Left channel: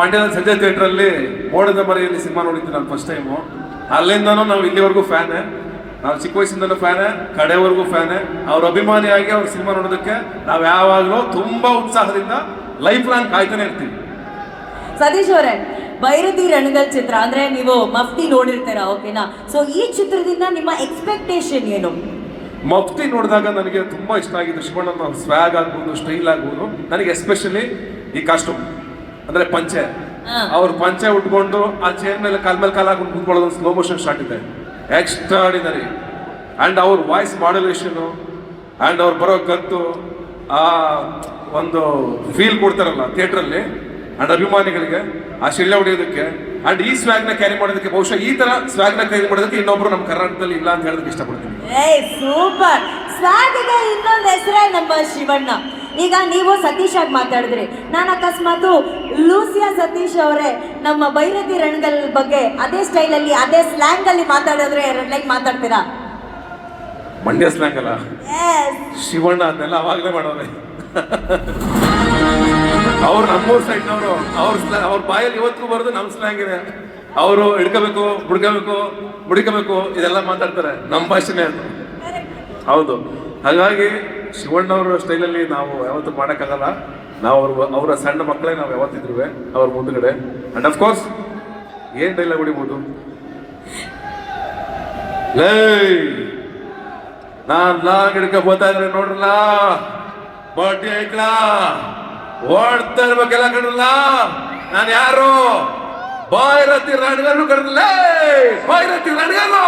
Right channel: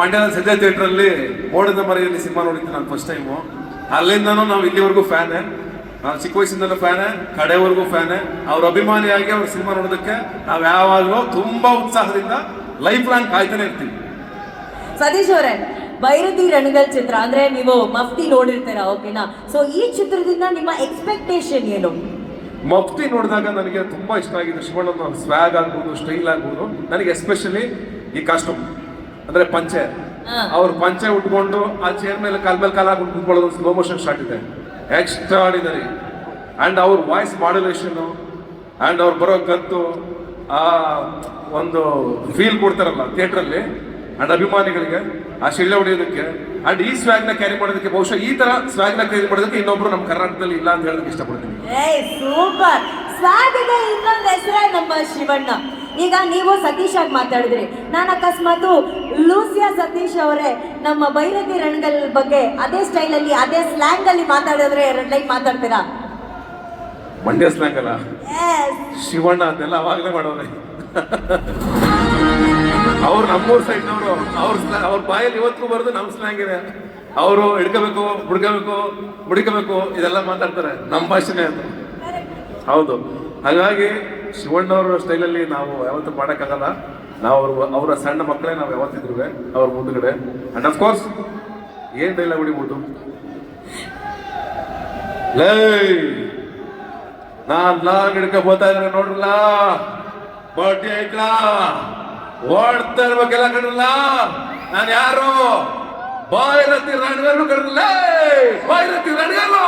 ಮಂಡ್ಯದ ಸಂಜಯ್ ಥಿಯೇಟ್ರಲ್ಲಿ ಮೋಡದ ಮರೆಯಲ್ಲಿ ಸಿನಿಮಾ ನೋಡಿದ್ದು ನಾನು ಫಸ್ಟ್ ಟೈಮು ಅಲ್ಲಿಂದನೂ ನಾವು ಇಲ್ಲಿವರೆಗೂ ಫ್ಯಾನೇ ನಾವು ಚಿಕ್ಕ ವಯಸ್ಸಿಂದಲೂ ಫ್ಯಾನೇ ಕಡೆವರೆಗೂ ಫ್ಯಾನೇ ಅವ್ರ ಅಭಿಮಾನಿಯಾಗಿ ಅವ್ರ ಸಿನಿಮಾ ನೋಡೋದಕ್ಕೆ ನಾವು ಯಾವಾಗಲೂ ತುಂಬಾ ಉತ್ಸಾಹದಿಂದ ಲೈಫ್ ಲಾಂಗ್ ಕಾಯ್ತಾನೆ ಇರ್ತೀವಿ. ಸತೀಶ್ ಅವರೇ ಬೈರತಿ ರಣಗಲ್ ಚಿತ್ರ ಅಂದ್ರೆ ನೀವು ಮಫ್ತಿ ನೋಡಿರ್ತೀರಾ ಓಕೆನಾ ಸೊ ಈ ಚಿತ್ರದಿಂದ ನಿಮ್ಮ ಎಕ್ಸ್ಪೆಕ್ಟೇಷನ್ ಏನು? ಮಫ್ತಿ ನೋಡಿದಾಗ ನನಗೆ ತುಂಬಾ ಇಷ್ಟ ಆಗಿದೆ. ಶಿವಣ್ಣ ಸ್ವ್ಯಾಗ್ ಆಗ್ಬೋದು ಸ್ಟೈಲ್ ಆಗ್ಬೋದು. ನನಗೆ ಎಸ್ಪೆಷಲಿ ಈ ಕಾಸ್ಟ್ಯೂಮ್ ಅಂದ್ರೆ ಪಂಚೆ. ಅವ್ರು ಪಂಚೆ ಉಟ್ಕೊಂಡು ಆ ಚೇರ್ ಮೇಲೆ ಕಾಲ್ ಮೇಲೆ ಕಾಲ್ ಹಾಕೊಂಡು ಕುತ್ಕೊಳ್ಳೋದು ಸ್ಲೋ ಮೋಷನ್ ಶಾಟ್ ಇದೆ. ಎಕ್ಸ್ಟ್ರಾಡಿನರಿ ಅಂಡ್ ಅವ್ರ ವಾಯ್ಸ್ ಮಾಡ್ಯುಲೇಷನ್ ಅಂಡ್ ಅವ್ರು ಬರೋ ಗತ್ತು ಆ ಒಂದು ಫೀಲ್ ಕೊಡ್ತಾರಲ್ಲ ಥಿಯೇಟ್ರಲ್ಲಿ ಅಂಡ್ ಅಭಿಮಾನಿಗಳಿಗೆ ಆ ಶಿಳ್ಳೆ ಹೊಡೆಯೋದಕ್ಕೆ ಅಂಡ್ ಈ ಸ್ವ್ಯಾಗ್ನ ಕ್ಯಾರಿ ಮಾಡೋದಕ್ಕೆ ಬಹುಶಃ ಈ ತರ ಸ್ವ್ಯಾಗ್ನ ಕ್ಯಾರಿ ಮಾಡೋದಕ್ಕೆ ಇನ್ನೊಬ್ರು ನಮ್ಮ ಕರ್ನಾಟಕದಲ್ಲಿ ಇಲ್ಲ ಅಂತ ಹೇಳೋದಕ್ಕೆ ಇಷ್ಟಪಡ್ತೀನಿ. ಸೂಪರ್ ಸ್ವಾಗ್ ಇನ್ನೊಂದು ಹೆಸರೇ ನಮ್ಮ ಶಿವಣ್ಣ. ಈಗ ನೀವು ಸತೀಶ್ ಆಗಿ ಮಾತಾಡಿದ್ರಿ. ನಾನು ಅಕಸ್ಮಾತ್ ಲೂಸಿಯಾ ಸತೀಶ್ ಅವರೇ ನಮ್ಮ ಬೈರತಿ ರಣಗಲ್ ಬಗ್ಗೆ ಅದೇ ಸ್ಟೈಲಲ್ಲಿ ಅದೇ ಸ್ಲ್ಯಾಂಗ್ ಅಲ್ಲಿ ಮಾತಾಡಿದ್ರೆ ಎರಡು ಲೈನ್ ಮಾತಾಡ್ತೀರಾ? ಮಂಡ್ಯ ಸ್ಲ್ಯಾಂಗ್ ಅಲ್ಲ. ಶಿವಣ್ಣ ಅದೆಲ್ಲ ಅವಾಗಲೇ ಮಾಡೋರೆ. ಅವ್ರು ನಮ್ಮೂರ್ ಸೈಡ್ನವರು ಅವ್ರ ಅವ್ರ ಬಾಯಲ್ಲಿ ಇವತ್ತಿಗೂ ಬರೋದು ನಮ್ಮ ಸ್ಲ್ಯಾಂಗ್ ಇದೆ. ಅವರು ಹಿಡ್ಕೋಬೇಕು ಹುಡ್ಕೋಬೇಕು ಹುಡುಕಬೇಕು ಇದೆಲ್ಲ ಮಾತಾಡ್ತಾರೆ. ನಮ್ಮ ಭಾಷೆನೇ ಹೌದು. ಹಾಗಾಗಿ ಶಿವಣ್ಣವ್ರ ಸ್ಟೈಲಲ್ಲಿ ನಾವು ಯಾವತ್ತೂ ಮಾಡೋಕ್ಕಾಗಲ್ಲ. ನಾವು ಅವ್ರ ಅವರ ಸಣ್ಣ ಮಕ್ಕಳೇ ನಾವು ಯಾವತ್ತಿದ್ರು ಅವ್ರ ಮುಂದುಗಡೆ. ಅಂಡ್ ಆಫ್ ಕೋರ್ಸ್ ಏನ್ ಡೈಲಾಗ್ ಹೊಡಿಬೋದು ಲೇ ನಾನ್ ಲಾಂಗ್ ಹಿಡ್ಕೊ ಹೋಗ್ತಾ ಇದ್ರೆ ನೋಡ್ರಲ್ಲ? ಬಡ್ಡಿ ಐತ್ಲಾ ಓಡ್ತಾ ಇರ್ಬೇಕೆಲ್ಲ ಕಡಲ್ಲ ನಾನು ಯಾರು? ಬಾಯಿರತಿ ರಣಗಾರು ಕಡಲ್ಲ ಬಾಯಿರತಿ ರಣಗಾರು